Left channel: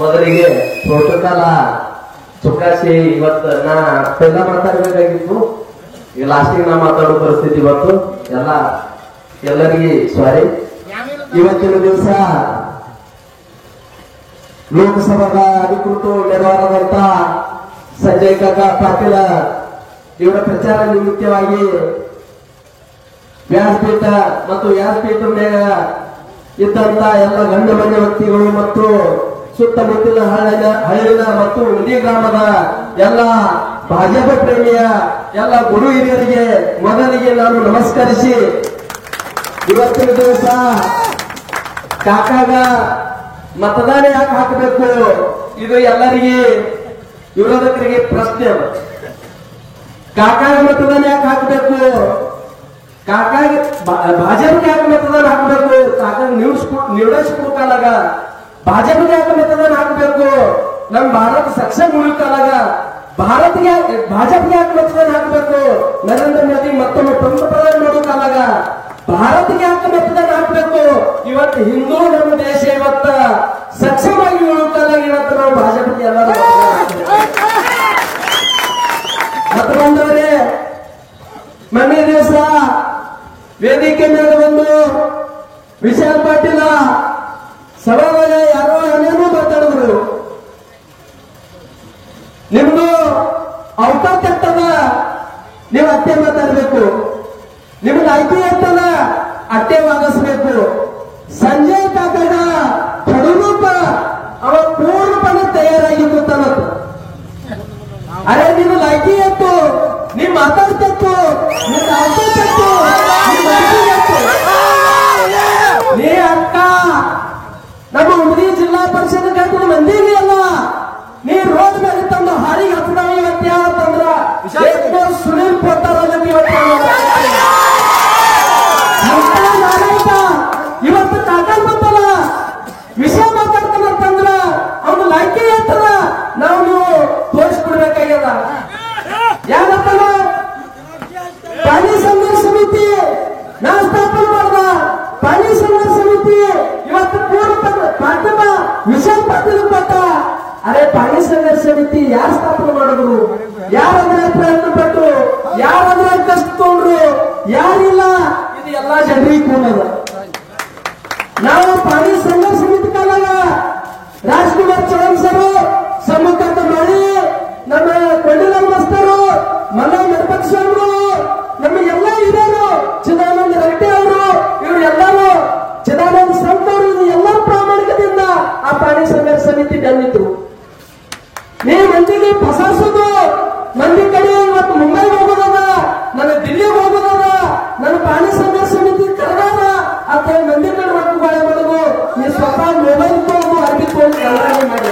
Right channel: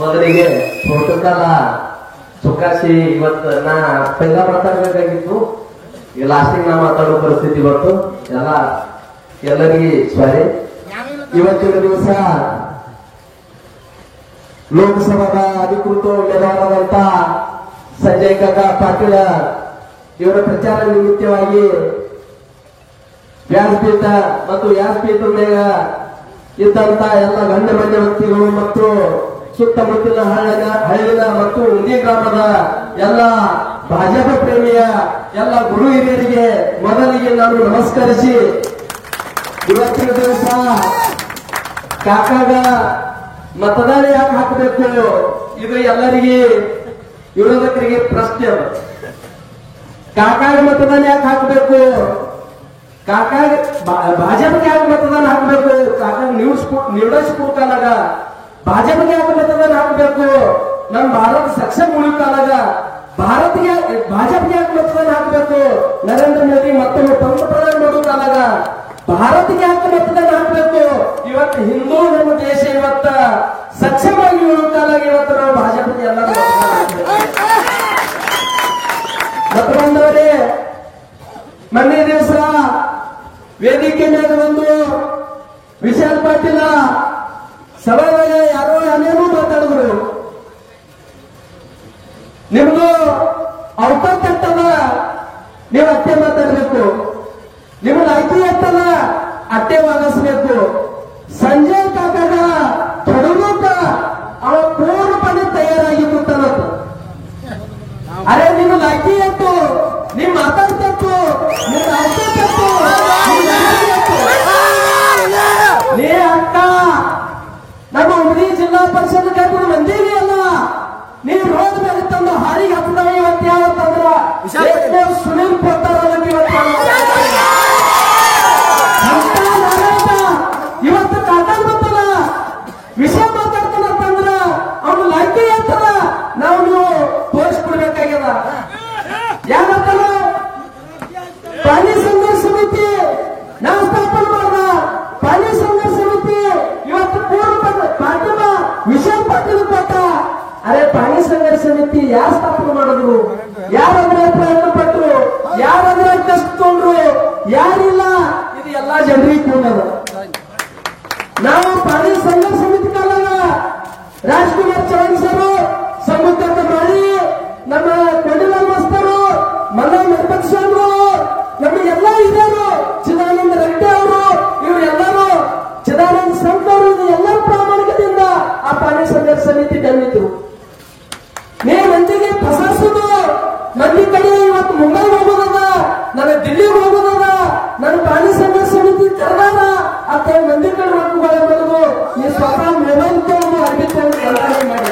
ಮೊದಲಿಗೆ ಪ್ರೋಟೋಕಾಲ ಚುಕ್ಕಾಸಿ ಇವತ್ತು ನಾ ಪೈಲ ಮಾತಾಡಬೇಕಾಗಿತ್ತು. ಈಗ ಲಾಸ್ಟಿಗೆ ನಾ ಮಾತಾಡೋ ಪರಿಸ್ಥಿತಿ ಇವತ್ತು ಎಲ್ಲರಿಗೆ ಸಾರಿ. ಇವತ್ತಿನ ದಿವಸ ಲೋಕಸಭಾದ ಅಧಿಕೃತ ಉಮೇದುವಾರರಾದಂತ ಸಂಜಯ್ ಕಾಕಾ ಪಾಟೀಲ ಇವರ ಪ್ರಚಾರ ನಿಮಿತ್ತವಾಗಿ ವ್ಯಾಸಪೀಠ ಮತ್ತು ವ್ಯಾಸಪೀಠ ಮೇಲೆ ಇದ್ದಂತ ಎಲ್ಲ ಗಣ್ಯಮಾನ್ಯ ವ್ಯಕ್ತಿಗಳು ಮತ್ತು ಸುತ್ತಮುತ್ತಲಿನ ಹಳ್ಳಿನ ಮತ್ತು ಉಳಿ ಗ್ರಾಮದ ಎಲ್ಲ ಭಾಜಪ ಪ್ರೇಮಿಯ ಎಲ್ಲ ಗುರು ಹಿರಿಯರಿಗೆ ಮೊದಲಿಗೆ ನಾನು ನಮಸ್ಕರಿಸಿ, ಇವತ್ತಿನ ದಿವಸ ಕಾಕಾಗ ಮತದಾನ ಯಾಕೆ ಹಾಕಬೇಕು ಇದು ಎಲ್ಲರಿಗೆ ವಿರೋಧಕರಿಗೆ ಪ್ರಶ್ನೆ. ಕಾಕಾಗ ಮತದಾನ ಯಾಕೆ ಹಾಕಬೇಕು, ಕಾಕಾಗ ಭಾಜಪಕ್ಕೆ ಯಾಕೆ ಮತದಾನ ಹಾಕಬೇಕು, ಕಾಕಾಗ ನಿರ್ಣಯಿಸ್ಕೊಡ್ಕಾಲಾಗ ಭಾಜಪಕ್ಕೆ ಯಾಕೆ ಮತದಾನ ಹಾಕಬೇಕು, ನಮ್ ಭಾರತ ಸಕ್ಷಮ ಉಳಿಕಾಲಾಗ ಭಾಜಪಕ್ಕೆ ಯಾಕೆ ಮತದಾನ ಹಾಕಬೇಕು, ನರೇಂದ್ರ ಮೋದಿ ಮತ್ತೊಮ್ಮೆ ಪ್ರಧಾನಿ ಮಾಡೋ ಕಾಲಾಗ ಭಾರತಕ್ಕೆ ಯಾಕೆ ಮತದಾನ ಹಾಕಬೇಕು. ಇವತ್ತು ಹಿಂದೂ ನಮ್ಮ ದೇಶ ಇವತ್ತ ಸಕ್ಷಮವಾಗಿ ಉಳಿಕಾಲಾಗ ಇವತ್ತು ನಾವು ಭಾಜಪಕ್ಕೆ ಎಲ್ಲರೂ ಮತದಾನ ಹಾಕಬೇಕು. ಮತ್ತೊಂದರೆ ಮೊನ್ನೆ ದಿವಸ ವೇದಿಕೆ ಮೇಲೆ ಒಂದು ವಿಶಾಲ್ ಪಾಟೀಲ ಸಭೆಯಲ್ಲಿ ಯಾರೋ ಏನೇನೋ ಮಾತಾಡಿದ್ರು. ನಿಮ್ದು ಅವಕಾಶ ಇರ್ತದ, ನೀವು ಅಟ್ಟೆ ಮಾತಾಡಬೇಕು, ನಿಮ್ದು ಐತಿ ಇರ್ತದ ಅಟ್ಟೆ ವಾದಿಸಬೇಕು. ಸಂಜಯ್ ಕಾಕನ ಕಡುಮುಟ್ಟ ಅವ ಪೂರ್ಣಪಣೆ ತಯಾರಾಗಿತ್ತು. ಅರೆ ನಿಮ್ಗೆ ಐತಿ ಇತ್ತು, ನೀವ್ ಮಾತಾಡ್ತಿತ್ತು, ನಿಮ್ಗೆ ಅವಕಾಶ ಇತ್ತು, ನೀ ಅಕ್ಕ ನಮ್ಮ ಉಡುಪಿ ಜಿಲ್ಲಾ ಪರಿಷತ್ ಕಟ್ಟಿದ ಮಂದಿಗೆ ಅಲ್ಲ, ನೀ ರೋಡ್ ಮೇಲೆ ತಂದು ಹಾರಿಗೆ ಹತ್ತದವ. ಇವತ್ತು ಯಾವತ್ತಂದ್ರ ಸುನೀಲ್ ಕೊಟ್ಟಾರಲ್ಲ ಇವತ್ತು ಕಾಕಾಡ್ ಗೊತ್ತಲ್ಲ ವಿಷಯ ಮಾತಾಡ್ತಾನಂತಂದ್ರ ಅವ್ನ ಲೈಕೆ ಹೇಳ್ತಾರ, ನಾವು ನೀವು ತೋರಿಸ್ಬಿಡ್ಬೇಕಾಗ್ಯದ. ಯಾಕಂತಾನ ಪಾಣಿ ಸಂಘರ್ಷ ಸಮಿತಿ ನಾವು ಸ್ಥಾಪನೆ ಮಾಡ್ದ, ಪಾಣಿ ಸಂಘರ್ಷ ಸಮಿತಿ ಇವತ್ತು ಪೂರ್ವ ಪಾಠದ ವಿಷಯ ಪಾಠದ ಕೊಟ್ಟ. ಅರೆ ಪಾಣಿ ಸಂಘರ್ಷ ಸಮಿತಿ ಯಾರು ಸ್ಥಾಪನೆ ಮಾಡಿದ್ರು, ಯಾರಂದ್ರೆ ಪ್ರಯತ್ನ ಪಟ್ಟರು, ಯಾರಂದ್ರೆ ಕಷ್ಟ ತಗೊಂಡ್ರು, ಯಾರಿಲ್ಲ, ಇದು ಎಲ್ಲಾ ಜನರಿಗೆ ಕೂಡದ. ನಾವು ಪಾಣಿ ಸಂಘರ್ಷ ಸಮಿತಿ ಕಾಲಾಗ ರಾಜ್ಕುಮಾರ್ ಚೌಹಾಣ್ ಸರು ಸಂಬಂಧ ಮಾಡಿ, ನಮ್ಮ ಕೊಂಡಲ ಮಸ್ತರು, ಮಲ್ಲ ನಿರ್ಪಕ್ಷರು, ನಮ್ಮ ಎಲ್ಲ ಹಿರಿಯರು, ಚಿದಾನಂದ ರೆಡ್ಡಿ ಅವರು, ಇವರು ಎಲ್ಲರೂ ಚಿದಾನಂದ ಸಂತ ಅವರು ಎಲ್ಲ ಪ್ರಾಮಾಣಿಕದಿಂದ ಆ ಪಾಣಿ ಸಂಘರ್ಷ ಸಮಿತಿ ಬಂದಿದ್ರು. ನೀವು ಮಂದಿಗೆ ಪ್ರಶಾಸನ ಮಂದಿ ಕಡೆ ಇವತ್ತು ಮುಂಬೈಗೆ ಹೋಗೋದದ, ನನ್ನ ದಿಲ್ಲಿಗೆ ಹೋಗೋದದ, ನನ್ನ ಪಾಣಿ ಸಂಘರ್ಷ ಸಮಿತಿ ಕರೆದಾರ ಅಂತ ಮಂದಿ ಕಡೆ ರೊಕ್ಕ ಬಾಳೆ ಮಾಡೋದು. ನೀವು ಸ್ವತಃ ಮೊಬೈಲ್ ತಗೊಂಡು ಅರ್ಬಿ ತಗೊಂಡು ಕಲ್ಪನೆ ಮಾಡಿ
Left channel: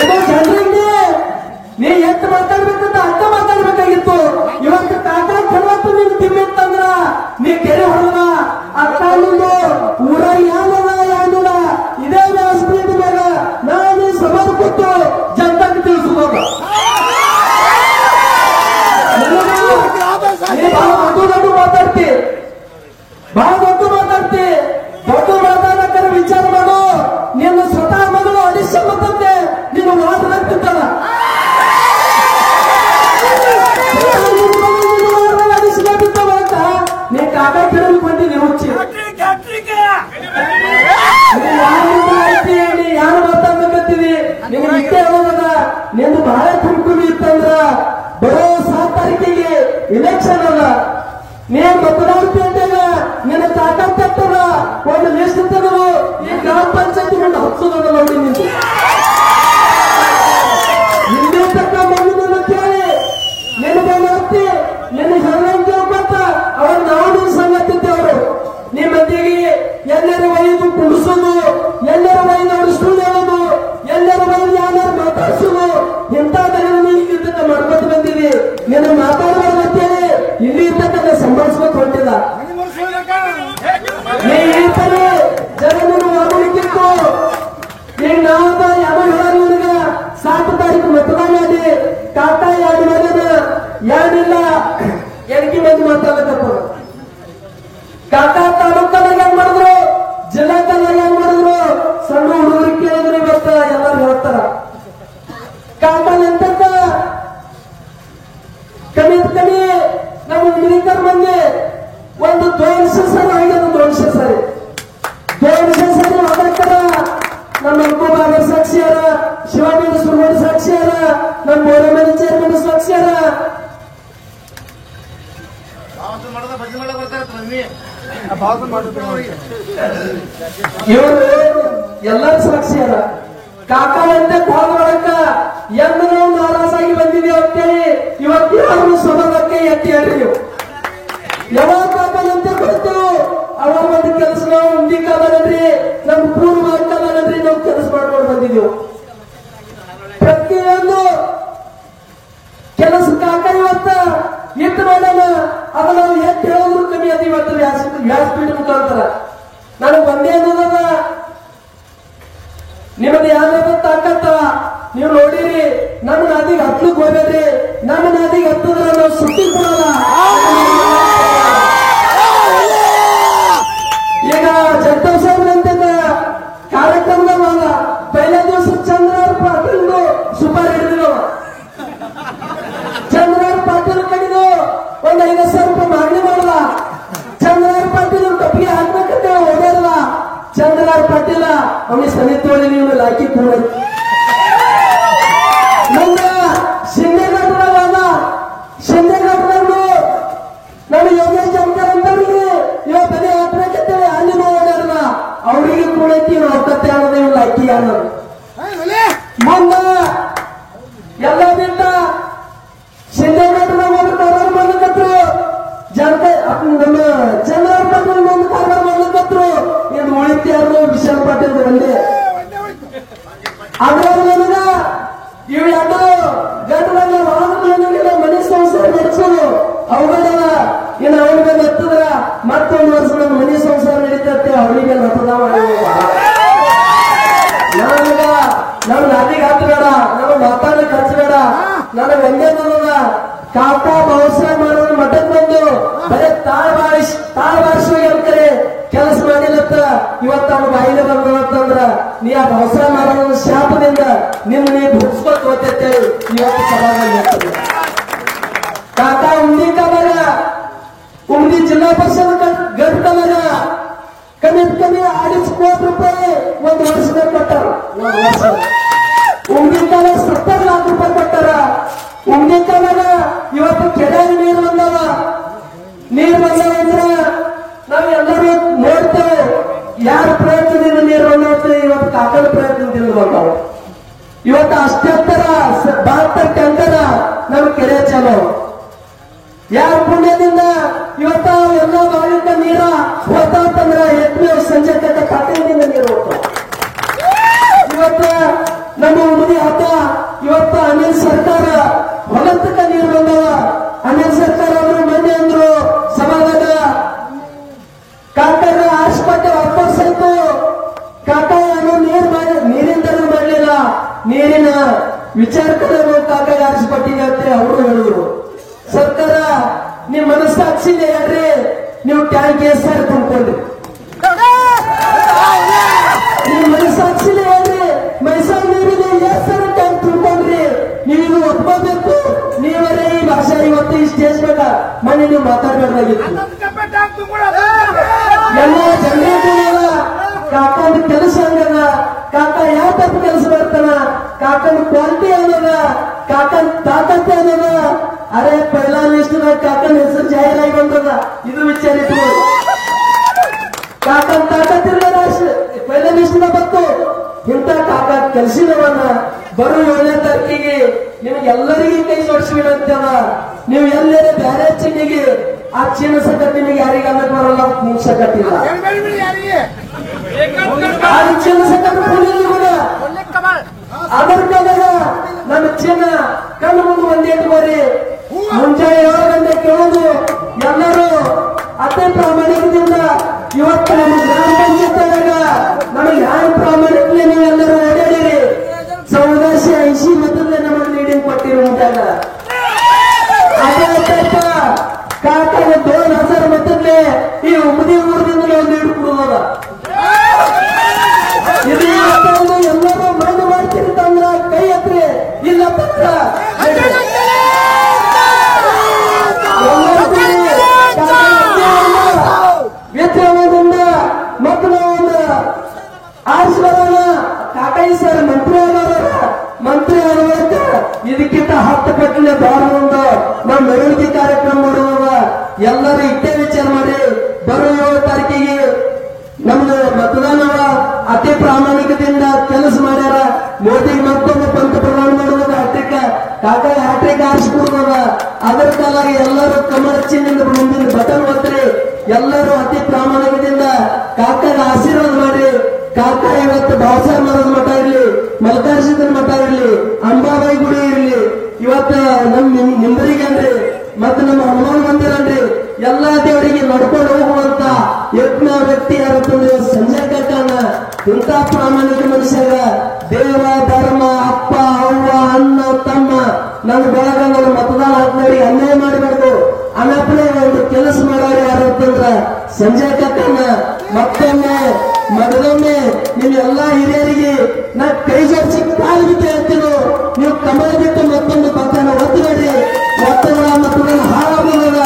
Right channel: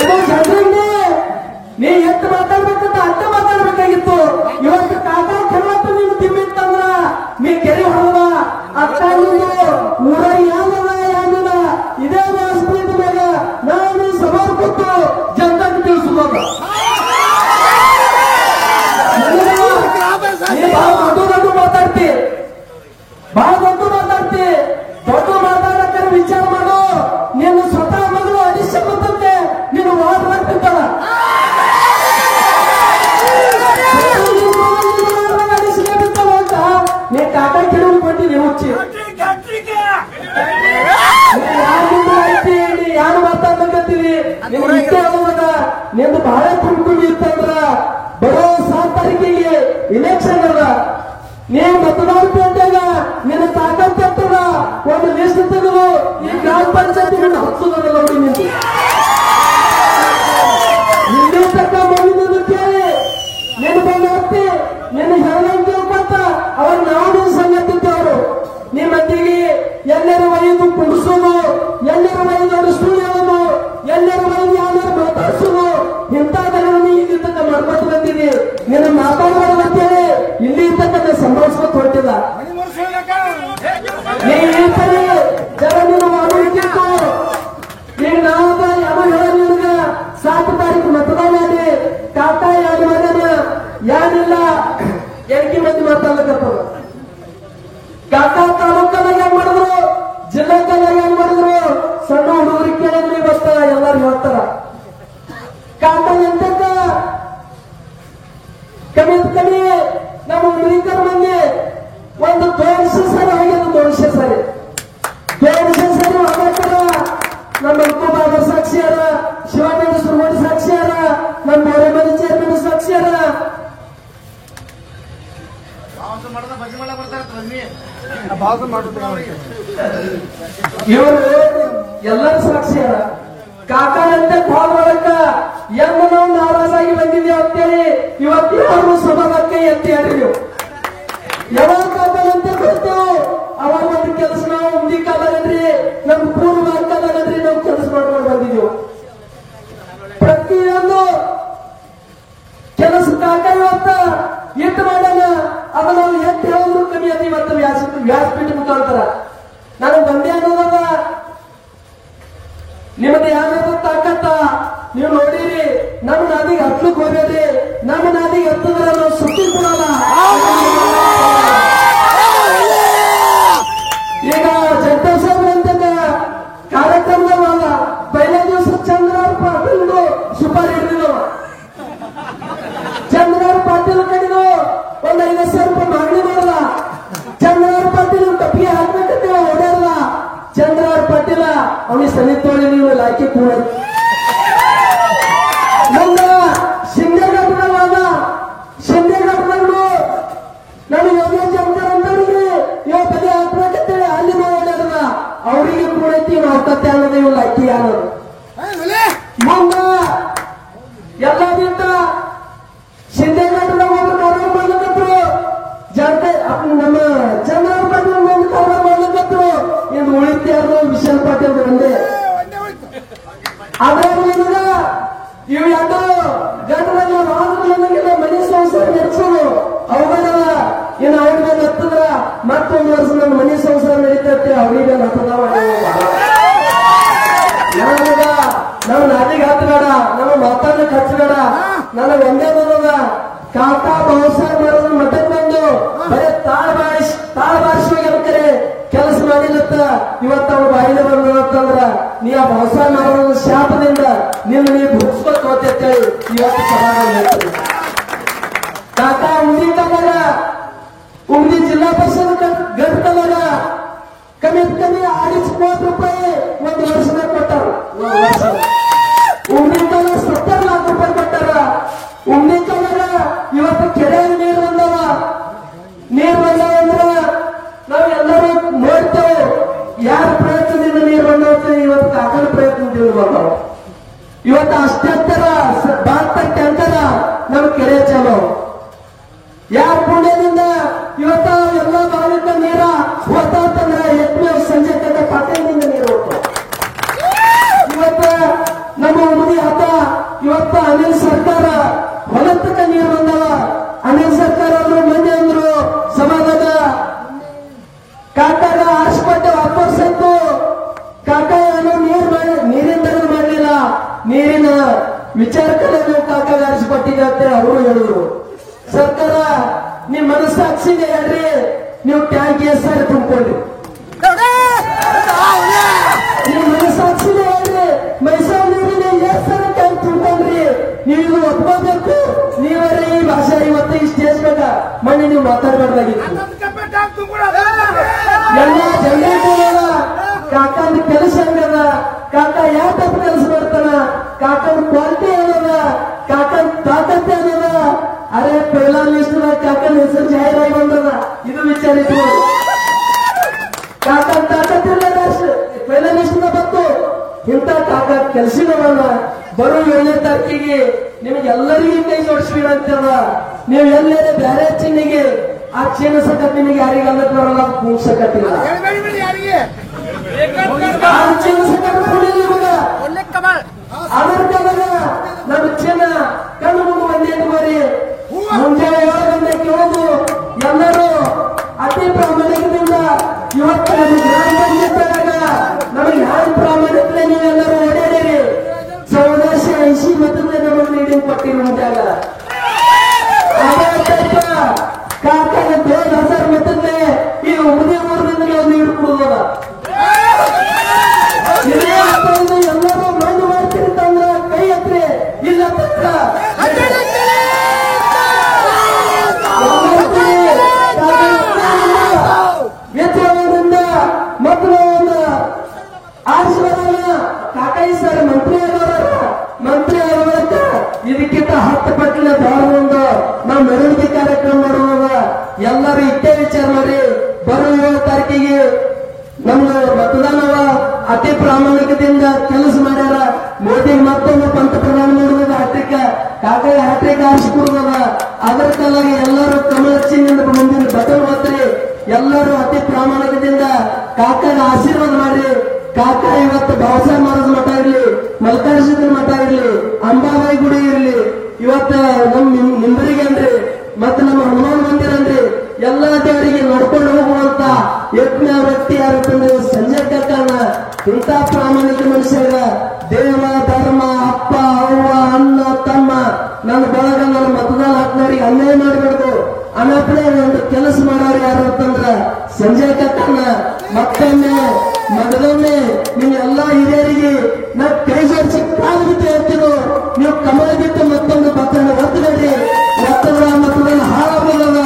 ಇದು ಜನರಿಗೆ ನೀ ಎಷ್ಟು ಮಾತಾಡ್ಬೇಕಂತ ಅರ್ಥ ಮಾತಾಡ್ಬೇಕಾಗಿತ್ತು. ಇವತ್ತು ಕಾಕಾ ಕೊಡವತ್ತು ನೀನು ತಿನ್ನಿತ್ತಂದ್ರ ನೀ ಕೆರೆ ಹೊಡೆದ ಅಕ್ಕ ನೀನು ಊರ ಯಾವಲ್ಲ ಯಾವಿಲ್ಲ. ಇದೇ ವ್ಯವಸ್ಥೆ ಮೇಲೆ ನಾನು ಸವಾಲು ಕೊಟ್ಟು ಜನತಾಗೆ ತಿಳಿಸಬಹುದು. ದೊಡ್ಡ ಮಾತಾಡ್ತಿ, ಬಹಳ ದೊಡ್ಡ ಮಾತಾಡ್ತಿ, ದೊಡ್ಡ ಮಾತಾಡಕ್ಕೆ ವಿಚಾರ ಮಾಡು. ನೀನು ಸ್ವತಃ ಮಗಳು ಅಡಿಶ್ಯ ಮಾತಾಡ್ತೆ, ನೀನು ಮಾತಾಡ್ತಿದ್ದಲ್ಲ ಅಡಿಸಿಗೆ ಬಿತ್ತವ ಅಂತ ನೀ ಕಾಕಾ ಕಿಡಲು ಕೊಟ್ಟಿನಿ ಹುಚ್ಚಿ. ಯಾರು ಆಯ್ತಿ, ನೀ ಯಾರು ಮಾತಾಡ್ಬೇಕಂತೀವಿ, ನಿನಗೆ ಇಷ್ಟೇ ಹೇಳೋದ. ನಿಂದು ಬಹಳ ಕುರುಕುಡಿ ಇತ್ತಂದ್ರ ಬರೋ 7 ತಾರೀಕಿಗೆ ಇಲೆಕ್ಷನ್ ಅದ, ನೀ ಮತದಾರತಿ ಅಂತಾಗ ನಿನ್ನ ತಾಕತ್ತದ ಒಂದು ಲಿಸ್ಟ್ ತೆಗೆದು ಈ ಗ್ರಾಮ ಪಂಚಾಯತ್ ನಿನ್ನ ಹಚ್ಚೋದ ನೋಡಿ. ನಿಂದು ಹಿಂದೂ ತಕ್ಕ ಮಗುವನ್ನು ಕೇಳಿ ನಿನ್ನ ಬಂದಿ ನಿನ್ನ ಹೆಣ್ಣಂಗೆ ಕೇಳ್ಕೊತ ಅವ್ರ ನಾವು ಸಂಗತಿದ್ದವರು. ನಿಮ್ಮ ಮಂದಿಗೆ ಎಲ್ಲರ ವೈದು ಕುಡಿಸೋದು, ಎಲ್ಲರ ವೈದು ಅವರು ಸುಳ್ಳು ಹೇಳೋದು, ಎಲ್ಲರ ವೈದು ಯಾರು ಮಾತಾಡಿಸೋದು, ಇಂಥ ತಕ್ಕ ಮಾಡ್ಕೊತ ಬಂದಿದೆ. ನಿನ್ನ ಮಾತಾಡಬಾರ್ದು ಅಂತೇಳಿ ಇಲ್ಲಿ ಇರ್ತಕ್ಕಂಥ ಸಂಭಾಳಿಸ್ಕೊತ ಹೊಂಟಿಲ್ಲ. ನೀ ಈ ಪರಿ ಜನರು ಮಾಡಲಿಕ್ಕಿತ್ತು, ನೀ ನಾವು ಯಾರು ಕಾಕನಂತಕ್ಕ ಕಮ್ಮಿ ನಮ್ಮ ಮಿಲಿಕರ್ ಮಂದಿ ಒಂದು 200 ಸರಿ ಆಗ್ಯದ. 200 ಸರಿ 200 ಸರಿ ಆಗಕ್ಕರ ನಮ್ಮ ಬಾಬಾ ಸಾಕ್ಷಿಯಾರ, ಶಿವಾಜಿ ಸುಮನ್ ಸಾಕ್ಷಿಯಾರ, ನಮ್ಮ ಬೋರೆಮನೆ ಚೇರ್ಮನ್ ಸಾಕ್ಷಿಯಾರ. ಇವರು ಎಲ್ಲರೂ ಸಾಕ್ಷಿಯಾರ. ಕಾಕನಂತೆ ಹೋಗೋದಕ್ಕ ಎಂದು ನಾವು ನಾರಾಜಾಗಿ ಬಂದಿದ್ದೇವೆ ಅಂತೇಳಿ ಇವತ್ತು ಯಾರು ಸಮಾಜಕ್ಕೆ ಎತ್ತಿ ಆಡಿದ್ರು. ಯಾವಾಗ ಕಾಕನಂತ ಗೊತ್ತು ಅವ ಒಂದು ಕೆಲಸ ನಾವು ಉಂಡಿ ಕಾಲನದ್ರಿ, ನಮ್ ಪೂರ್ವ ಕಾಲನದ್ರಿ ನಾವು ಕೆಲಸ ಮಾಡ್ಕೊಂಡು ಬಂದಿದ್ದೆವು. ಪ್ರತಿಯೊಂದು ಕೆಲಸ ಕಾಕ ಇವತ್ತ ಎತ್ತು ಮಾಡೋಣ, ಅದು ನಾವು ಎತ್ತು ಹೇಳೋದ್ರು ಕಮ್ಮಿ ಅದು. ಇವತ್ತು ವ್ಯಾಸಪೀಠ ಮುಖಾಂತರ ನನಗೆ ಬಂದೇ ಅನ್ನೋದದ. ನಿಮಗೆ ಯಾವ್ದಾದ್ರು ತಾಕತ್ತ ನೀವು ನೋಡಿರಿ. ನಮ್ಮ ನಾದಿಗೆ ಹತ್ಲಕ್ಕೆ ಹೋಗ್ಬೇಡ್ರಿ. ನಮ್ಮ ನಾದಿಗೆ ಹತ್ತಿದ್ರೆ ನಾವು ಸುಟ್ಟಿ ಕೊಡಲ್ಲ. ಈಗ ಜಗದೀಶ್ ಕಾರ್ಯಕ್ರಮದ ಪೈಲ ದಿವಸ ಚಂದ್ರ ಪಾಟೀಲ್ ಸೂಪರ್ ಹಿಡಿದ್ರು. ಚಂದ್ರ ಪಾಟೀಲ್ ಕಡಿದು ಒಂದು 50,000 ರೂಪಾಯಿ ಮಾಗಣಿ ಮಾಡಲ್ಲ. ಚಂದ್ರ ಪಾಟೀಲ್ ಕಪ್ಪಿಗೆ ಹಾಕ್ಬೇಕಂತ ಓಡಾಡಲ್ಲ. ಚಂದ್ರ ಪಾಟೀಲ ಅವನಿಗೆ ಸಮಿತಿಯೊಳಗೆ ನೀವು ಲಾಕಿ ಕೂಡ ಮುಂದೆ ಶಿಂದೆಘಟ್ಟದವರು ನಾನು ಯೋಗೇಶ್ ಜಮಕರ್ ಅಂತವ್ರಿಗೆ ಇವತ್ತಲ್ಲಿ ಹಾಕ್ಬೇಕಂತೇಳಿ ಅಲ್ಲಿ ಓಡಾಡಲ್ಲ. ಅವರಿಗೆ ಕೂಡ ಅವಕತ್ತೆ ಅನ್ನೋದು ಇವ್ ಲಾಕಿ ಅನ್ನೋದು. ಮುಂದೆ ಎಲ್ಲ ಬಿಟ್ಟ ಶಿಂದೆಘಟ್ಟದಾಗ ಒಂದು ಕವರ್ ಮಾಡ್ಲಿಕ್ಕತ್ರು. ಜನತೆ ನಮ್ಮ ಚಂದ್ರ ಪಾಟೀಲ್ ಒಂದು ಕವರ್ ಮಾಡ್ಲಿಕ್ಕತ್ರು. ಇದು ಉಳಿತ್ಯಾರು ವಿಶಾಲ್ ಪಾಟೀಲ್ ಒಂದೇ. ಅದ್ರಲ್ಲಿ ನನಗ ಇವು ಎರಡು ಗಂಟೆಲ್ಲ ನನಗೆ ಮನೆ ಸಂಸಾರ ನಡೆಸೋದು ಅವುಗಳ ಇನ್ನು ಅವ್ರ ಮೇಲೆ ಹತ್ತಿದ್ರ ಮತ್ತೊಂದು ವರ್ಷ ನನ್ನ ಮನೆ ಸಂಸಾರ ನಡೀತತ್ತೆ. ಅವರಿಗೆ ಹತ್ತದ ನನಗ ನಾವು ನಾದಿಗೆ ಹತ್ತಬೇಡ, ನಮ್ಮ ಮಾತಾಡಕ್ಕೆ ಹಚ್ಚಬೇಡ. ನನಗೆ ಒಂದೇ ಬರೋದ ಕಾಕ ಬಹುಸಾಹೇಬ್ ಮಾಡೋದು ಮಠಕ್ಕೆ ಬಂದು ಬರೀ ತಾಳ ಬಾರಿಸ್ಬೇಕಂತಾರೆ ಕೆಲಸ ಮಾಡಿಲ್ಲತ್ತ. ಇವತ್ತು ಅವ್ರ ಬಾಯಿಲೆ ಬಂದಂದ್ರ ನೀ ಆ ಬಹುಸಾಹೇಬ್ ಮಾಡೋದ ಶಾಪದಿಂದ ನೀವು ಭುಗಿಸ್ಕೊತ್ ಹೋಗ್ತೇವೆ. ಇವತ್ತು ಸಭಾದಲ್ಲಿ ಹೇಳ್ತದೆ ಕಾಕ ಉಂಡಿ ಕಾಲಾಗ ಉಂಡಿ ಜಿಲ್ಲಾ ಪರಿಷತ್ ಘಟಕದಾಗ ಕಮ್ಮಿ 2.5 ಕೋಟಿ ರೂಪಾಯಿ ಒಂದು ವರ್ಷದ ಕೊಟ್ಟಾರ. ಉಂಡಿ ಕಾಲ 70 ಲಕ್ಷ ರೂಪಾಯಿ ಕೊಟ್ಟಾರ. ಉಂಡಿ ಕಾಲಾಗ ಇವತ್ತು ಕೆರೆ ನೀರು ಬಂದವ. ನೀರು ಬಂದವ ಅಂದ್ರ ನಾವು ಎಲ್ಲರೂ ನೋಡ್ತೇವೆ ಯಾರ ಪ್ರಯತ್ನದಿಂದ ನೀರು ಬಂದವ. ಇವತ್ತು ಕಾಕನ ಪ್ರಯತ್ನದಿಂದ ಬಂದವ. ಇವತ್ತು ಅಷ್ಟೆತ್ತರ 72 ಟ್ಯಾಂಕರ ನಮ್ಮ ಕೆರೆ ಚಾಲೋ. ಯಾರ ಪುಣ್ಯದಿಂದ ಇವತ್ತು ಎಲ್ಲ ಬಾವಿಕ ನೀರ ಹೋತಂದ್ರೆ ಎದ್ಮೇಲೆ ಸಂಜೆ ತನಕ ಪಾಟೀಲಿನಿಂದ ನೀರು ಹೋಗ್ತಾವ. ಇವತ್ತು ನಮ್ಮ ಉಡುಪಿ ಹಬ್ಬ ಇವತ್ತು ಅನಿಲ್ ಸರ್ಕಾರ ಹೊಲತಕ್ಕ ನೀರು ಬಂದವ. ಅನಿಲ್ ಸರ್ಕಾರ ಅಂದ್ರು ಮಂದಿ ಅಂದ್ರು ಸಮಾಜದ ಕಾಕರ ಆಸ್ಪತ್ರೆ ವಾಪಸ್ ಆಯ್ತು. ಕಾಕ ನೀರಿನ ಮಾಡಲಿಲ್ಲ. ನೀರಿನ ವಿಚಾರಕರನ್ನು ಕಾಕಾಗ ಆರಿಸಿಕೊಟ್ಟಿದೆ ಅಂತ ಅವರು ಹೇಳಿದ್ರು. ಸರ್ಕಾರ ನಿಮ್ ಮನಸ್ಸಾಕ್ಷಿಗೆ ಹೇಳ್ರಿ, ನೀವು ಟ್ಯಾಂಕ್ ಸಾರಿ ತುಂಬಿಕೊಂಡ್ರಿ. ನಿಮ್ ಮನಸ್ಸಾಕ್ಷಿಗೆ ಹೇಳ್ರಿ, ಮೈಸೂರು ನೀರಿನ ಸಾರಿ ಟ್ಯಾಂಕ್ ತುಂಬಿಕೊಂಡ್ರಿ. ನೀವು ಇದು ಒಪ್ಕೋಬೇಕು. ನೀವರೇ ಈ ಭಾಷೆ ಇವತ್ತು ಈ ಸ್ಟೇಜ್ ಮೇಲೆ ಮನೆ ನೀವು ಮಾತಾಡಬೇಕಾಗಿತ್ತು. ಎಲ್ಲ ಜನರೇಟರ್ ಕಾಕನ ಕೆಲಸ ಹಂಗದ. ಕಾಕ ಯಾವ ತಪ್ಪು ಕೆಲಸ ಮಾಡ್ತಾನ, ಕಾಕನ ಕ್ವಾಲಿಟಿ ಅನ್ನೋದ, ಕಾಕನ ತಾಕತ್ತೆ ಅನ್ನೋದ. ಅರೆ ಪೈಲಾ ಲಿಸ್ಟ್ ಕಾಕನ ಹೆಸರು ಜಾಹೀರಾಗಿ ಬಂದದ. ಇದು ವಿಚಾರ ಇಟ್ಕೊಳ್ಳಿ. ಕಾಕನ ತಾಕತ್ತಿಲ್ಲ ಪೈಲಾ ಲಿಸ್ಟ್ ಬಂತು. ಇಂಥ ಕಾಕ ಕೆಲಸದವನ್ನ ಬರೋ 7ನೇ ತಾರೀಕಿಗೆ ನಿಮಗೆಲ್ಲರಿಗೂ ಕೈ ಜೋಡಿಸ್ಬಿಡಂತದ. ನೀವು ಎಲ್ಲರೇ ಬೇರೆ ಚೀನಿಗೆ ಆ ಚೀನ ಸಕತ್ ನಿಮಗೆ ಯಾರಿಗೆ ಅನ್ನಕ್ಕೆ ಬರಲ್ಲ, ಕೂಗ್ ಸಕತ್ತಿಲ್ಲ. ಆ ಚೀನ ಸಕತ್ ಅಮೆರಿಕದಾಗ ನಮ್ಮ ಚೀನ ಕಣ್ಣು ಮುಂದೆ ಒಂದೇ ಬರೀ ಮುಂಜಾನೆ 7 ಗಂಟೆ ಕೇಳೋದು. ಎಲ್ಲರೂ ಅತಿ ಪ್ರಾಮಾಣಿಕದಿಂದ ಇವತ್ತು ನಮ್ಮ ಗ್ರಾಮ ಪಂಚಾಯತ್ನಾಗ ನಮಗೆ ಯಾರ ಪ್ರಾಮಾಣಿಕತೆ ನೀವೆಲ್ಲರೂ ಓಡಾಡಿರಿ. 1980 ಮತದಿಂದ ನಮಗೆ ಲೀಡಿಂಗ್ ಕೊಟ್ಟಿರು. ಮುಂದಾಗ ಕಾಕನ 2000 ಮತದ್ದೇ ಈ ಉಮದಿ ಊರಿನಿಂದ ನಾವು ಲೀಡ್ ಕೊಡುವುದ. ಇದು ಎಲ್ಲರೂ ಮಣ್ಣು ಮಾಡ್ತೀರಿ ತಂದ್ರ ಕೈ ಹತ್ರಿ. ಇಲ್ಲ ವ್ಯತ್ಯಾಸದಿಂದ ಮತ್ತು ನಾವು ಆರಿಸಿದವನ ಕಾಕಾಯಿ ಸರ್ ಮಂತ್ರಿ ಆಗುವಂತ ಇದಕ್ಕಿಂತ 10 ಪಟ್ಟಿನ ಬಹಳ ಒಂದು ನಾವು ಮೆರವಣಿಗೆ ಕಾರ್ಯಕ್ರಮ ಮಾಡುವಾಗ ಎಲ್ಲರೂ ಇಟ್ಟೇ ವಿಚಾರ ಮಾಡಿ ಬರುವ 7 ತಾರೀಕಿಗೆ ನಮ್ದು ಮತದಾನವ ಅತಿ ಪ್ರಾಮಾಣಿಕತೆಯಿಂದ ಕೆಲಸ ಮಾಡ್ಯಾರ. ಮೋದಿ ಮತ್ತೊಂದು ಪಂತಪ್ರಧಾನ ಮಾಡುವಾಗ ಕಾಕಾಯಿ ಹ್ಯಾಟ್ರಿಕ್ ಆರಿಸಿಕೊಳ್ಳುವಾಗ ಅದರ ಕಾಲಾಗಿ ಎಲ್ಲರೂ ಕಮಲ ಚಿಹ್ನೆಯಿಂದ ಮುಂದಿನ ಬಟನ್ ಒತ್ತರಿ ಎಲ್ಲರೂ ಅತಿ ಪ್ರಾಮಾಣಿಕತೆಯಿಂದ ಕಾಕಾಯ ಆಶೀರ್ವಾದ ಮಾಡಿ. ಕಾಕಾ ಇವತ್ತು ಬಾಬಾಸಾಹೇಬ್ ಮಹಾರಾಜ್ ಮಠ ಇರಲಿ, ಮಲ್ಲಿಕಾರ್ಜುನ ಮಠ ಇರಲಿ, ಅಂಬಾಬಾಯಿ ಗುಡಿ ಇರಲಿ, ಇವತ್ತು ನಿಂಬರಿಗೆ ಅನ್ರಿ ಮತ್ತು ನಮ್ಮ ಹನುಮಾನ್ ಮಂದಿರ ಅನ್ರಿ ಎಲ್ಲಾ ದೇವರಿಗೆ ನಡ್ಕೊಂಡು ಹೋಗುವಂತ ಯತ್ನ ವ್ಯಕ್ತಿ ಯಾರತ್ತಂದ್ರೆ ಸಂಜಯ್ ಕಾಕನ. ಇಂಥ ಪ್ರಾಮಾಣಿಕ ಮನುಷ್ಯರ ದೇವ ಧರ್ಮ ಅಪ್ಪ ಅವ್ವ ಅಣ್ಣ ತಮ್ಮ ನನ್ನ ಬಳಗ ನನ್ನ ಮತದಾನ ಹಾಕ್ನಾರಿಗೆ ಅನ್ಯಾಯ ಮಾಡಬೇಕು ಅನ್ನಪ್ಪನೇ ಒಂದು ಕೆಲಸ ಮಾಡೋರು ಯಾರು ಅಂತಂದ್ರ ಸಂಜಯ್ ಕಾಕನ. ಮತ್ತೊಮ್ಮೆ ಮಗದೊಮ್ಮೆ ನೀವೆಲ್ಲಾ ಹಿರಿಯರಿಗೆ ನಾ ಕೈ ಜೋಡಿಸಿ ಕಾಲು ಬಿಟ್ಟು ಹೇಳ್ತೀನೋ, ನೀವು ಕಮಲದಿತ್ತು ಮತ್ತೊಂದು ಪಕ್ಕನ ಒತ್ತಬೇಡ್ರಿ. ಮತ್ತೊಂದು ಮತದಾನ ಹಾಳಾಗೋದ.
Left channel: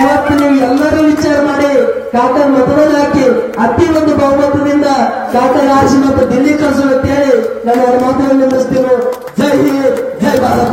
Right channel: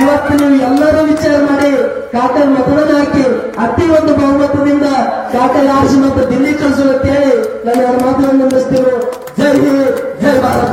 ಇವತ್ತು ನೀವು ಎಲ್ಲರೂ ವಿಚಾರ ಮಾಡಿ ಕಾಕನ ಮತದಾನ ಹಾಕಿ ಅತಿ ಒಂದು ಬಹುಮತದಿಂದ ಕಾಕನ ಆರಿಸಿ ಮತ್ತು ದಿಲ್ಲಿ ಕಳಿಸಲು ಕೇಳಿ ನಾನು 2 ಮಾತನ್ನು ನಿಲ್ಲಿಸ್ತೇನೆ. ಜೈ ಹಿಂದ್, ಜೈ ಭಾರತ.